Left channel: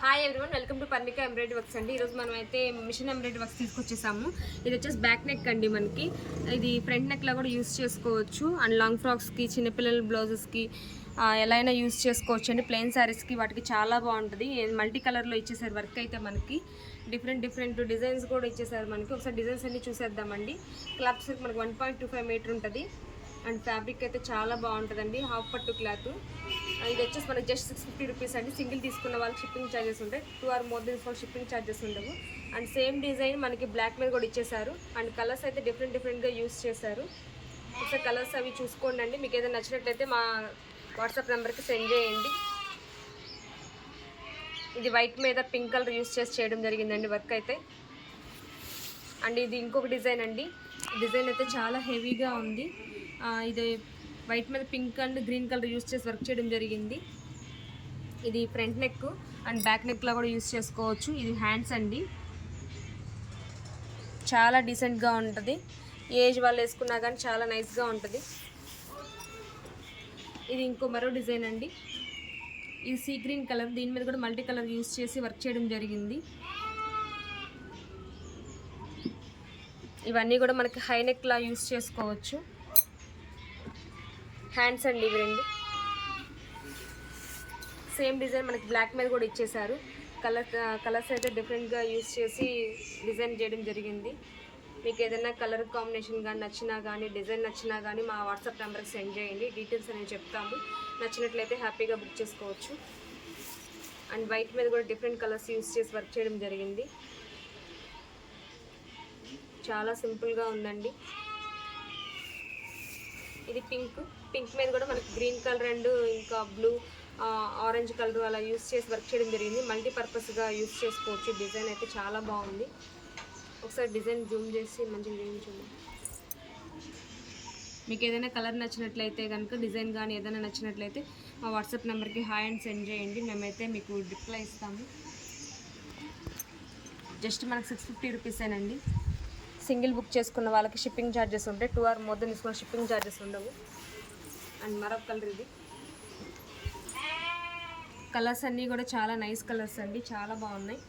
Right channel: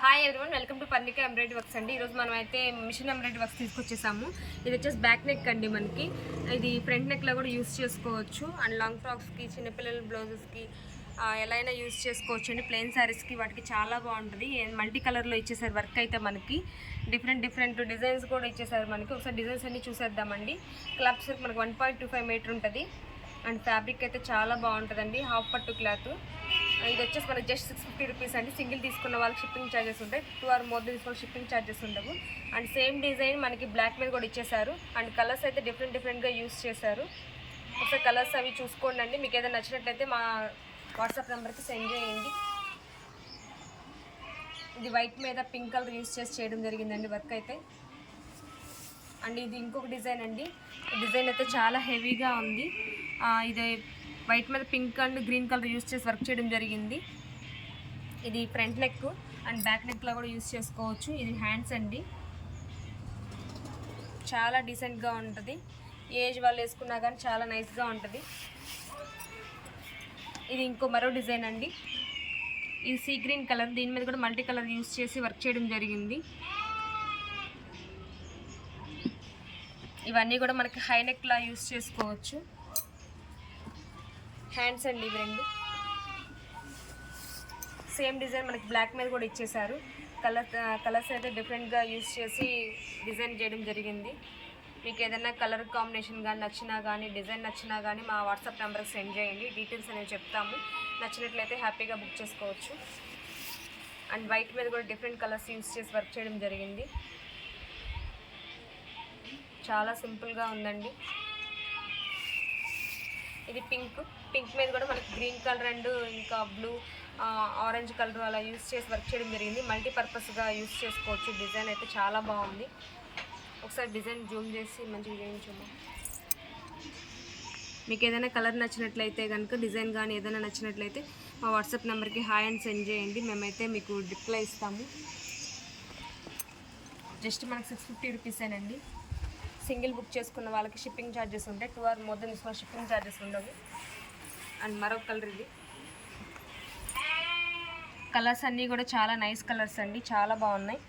Hi everyone, welcome to Parnika embroidery works అండి. ఈరోజు మనం అయితే మిషన్ ఎంబ్రాయిడరీ వర్క్స్ తీసుకొచ్చేసాము. ఇది వచ్చేసి బ్యాక్ నెక్ అండి. మనకి ఇది ఫ్రంట్ నెక్లో కూడా యూస్ చేసుకోవచ్చు. అండ్ లాంగ్ ఫ్రాక్స్కి, చిన్నపిల్లల బ్లౌజెస్కి ఎలా అయినా యూస్ చేసుకోవచ్చు అండి. ప్లెయిన్ శారీస్కి వాటికి చాలా బాగుంటుంది. మల్టీ కలర్లో ఇచ్చేసారు వర్క్ అయితే. మనకి డిఫరెంట్ డిజైన్స్ కూడా ఇచ్చేసారు మనకి. ఒకసారి డిజైన్స్ అన్ని చూసేద్దామండి. క్లాత్స్ మనకి 1.25 మీటర్ ఉంటుంది. అండ్ ఫ్యాబ్రిక్ అయితే చాలా బాగుంటుందండి. హాఫ్ పట్టు క్లాత్. ఇది వచ్చేసి మనకి జస్ట్ 650 రూపీస్ అండి. సింగిల్ తీసుకున్న వాళ్ళకి షిప్పింగ్ ఛార్జెస్ ఉంటాయి. 2 ఆర్ మోర్ తీసుకున్న షిప్పింగ్ ఛార్జెస్ ఉండవు. అండ్ సేమ్ డిజైన్ మనకి బ్లాక్ మీద కూడా ఇచ్చేసారు. అండ్ కలర్స్ అయితే డిఫరెంట్గా యూస్ చేశారు. ఒకసారి కలర్స్ అవి చూసుకోండి అండి. మీకు ఏదైనా నచ్చినట్లయితే మా వాట్సాప్ నెంబర్కి సెండ్ చేయండి. ఇది వైట్ మీద పింక్ కలర్ యూస్ చేసి చేయడం జరిగిందండి వర్క్ అయితే. అండ్ ఇది ఇంకొక డిజైన్ అండి. డిజైన్ అయితే చాలా హెవీగా ఉంది. ఇది వైట్ మీద pink and green colour use చేసి వర్క్ చేయడం జరిగింది. ఇది ఫ్రంట్ నెక్ అండ్ బ్యాక్ నెక్లో కూడా యూస్ చేసుకోవచ్చు. ఇది హ్యాండ్స్ అండి. చాలా డీసెంట్గా ఉంటుంది. ఏజ్ వాళ్ళు వేసుకున్నా కానీ చాలా నైస్గా ఉంటుంది. ఇది మరో డిజైన్ అండి. ఇది సీ గ్రీన్ కలర్. దీని మీద కూడా మల్టీ కలర్ యూస్ చేసి వర్క్ చేయడం జరిగింది. ఇవన్నీ కూడా మనకి హై నెక్లా యూస్ చేసుకోవచ్చు. హ్యాండ్స్ అండి ఇవి రెండు. సేమ్ డిజైన్ మనకి బ్లాక్ మీద కూడా ఇచ్చేసారు. కలర్స్ అయితే డిఫరెంట్గా యూస్ చేసి డిజైన్ చేయడం జరిగింది. మీకు ఏదైనా కలర్ కాంబినేషన్ కానీ నచ్చినా కానీ, డిజైన్ నచ్చినా కానీ మా వాట్సాప్ నెంబర్కి సెండ్ చేయండి. డీటెయిల్స్ అనేవి చెప్తాము. నచ్చినట్లయితే హ్యాపీగా బుక్ చేసుకోవచ్చు. అండ్ వైట్ మీద కూడా డిఫరెంట్ కలర్స్ యూస్ చేసి వర్క్ చేయడం జరిగింది. చాలా సింపుల్గా ఉందండి. ఇది పింక్ మీద కూడా మనకి గ్రీన్ కలర్ అండ్ ఇంకా బ్లూ, ఆరెంజ్ కలర్ అలా యూస్ చేసి వర్క్ చేయడం జరిగింది. మల్టీపర్పస్గా యూస్ చేసుకోవచ్చు. డిజైన్ అయితే చాలా బాగుంది. ఒకసారి డిజైన్ జూమ్ చేసి మంచిగా చేయించమ్మా. మీకు ఏదైనా కలర్ నచ్చినట్లయితే కనుక, డిజైన్ కానీ ఏదైనా నచ్చినట్లయితే మా వాట్సాప్ నెంబర్కి హాయ్ అని సెండ్ చేయండి. మేమైతే మీకు రిప్లై ఇస్తాము. జస్ట్ మనకు 650 రూపీసేనండి. సింగిల్ బుక్ చేసుకున్న వాళ్ళకి షిప్పింగ్ ఛార్జెస్ ఉంటాయి. 2 ఆర్ మోర్ తీసుకున్న షిప్పింగ్ ఛార్జెస్ ఉండవు. అండ్ మరొక కలర్ ఇది. కలర్స్ అన్నీ కూడా చాలా నైస్ కలర్స్ అండి. చాలా బాగున్నాయి.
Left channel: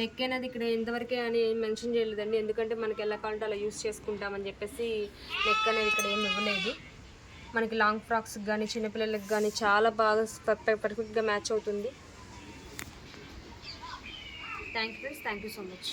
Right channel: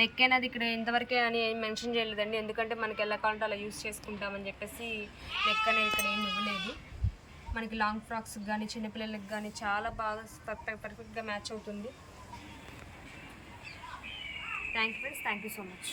నెక్ అనేది ఇక్కడ ఇంతవరకే అని మెన్షన్ చేయలేదండి. ఎందుకంటే మనకి ఎలా కావాలంటే అలా యూస్ చేసుకుంటామని చెప్పేసి నెక్ అనేది ఇక్కడ ఏమి ఇవ్వలేదు. మనకి లాంగ్ ఫ్రాక్స్కి కానీ, చిన్నపిల్లలకి కానీ చాలా బాగా పర్ఫెక్ట్గా మ్యాచ్ అవుతుంది. Thank you friends. Thank you so much.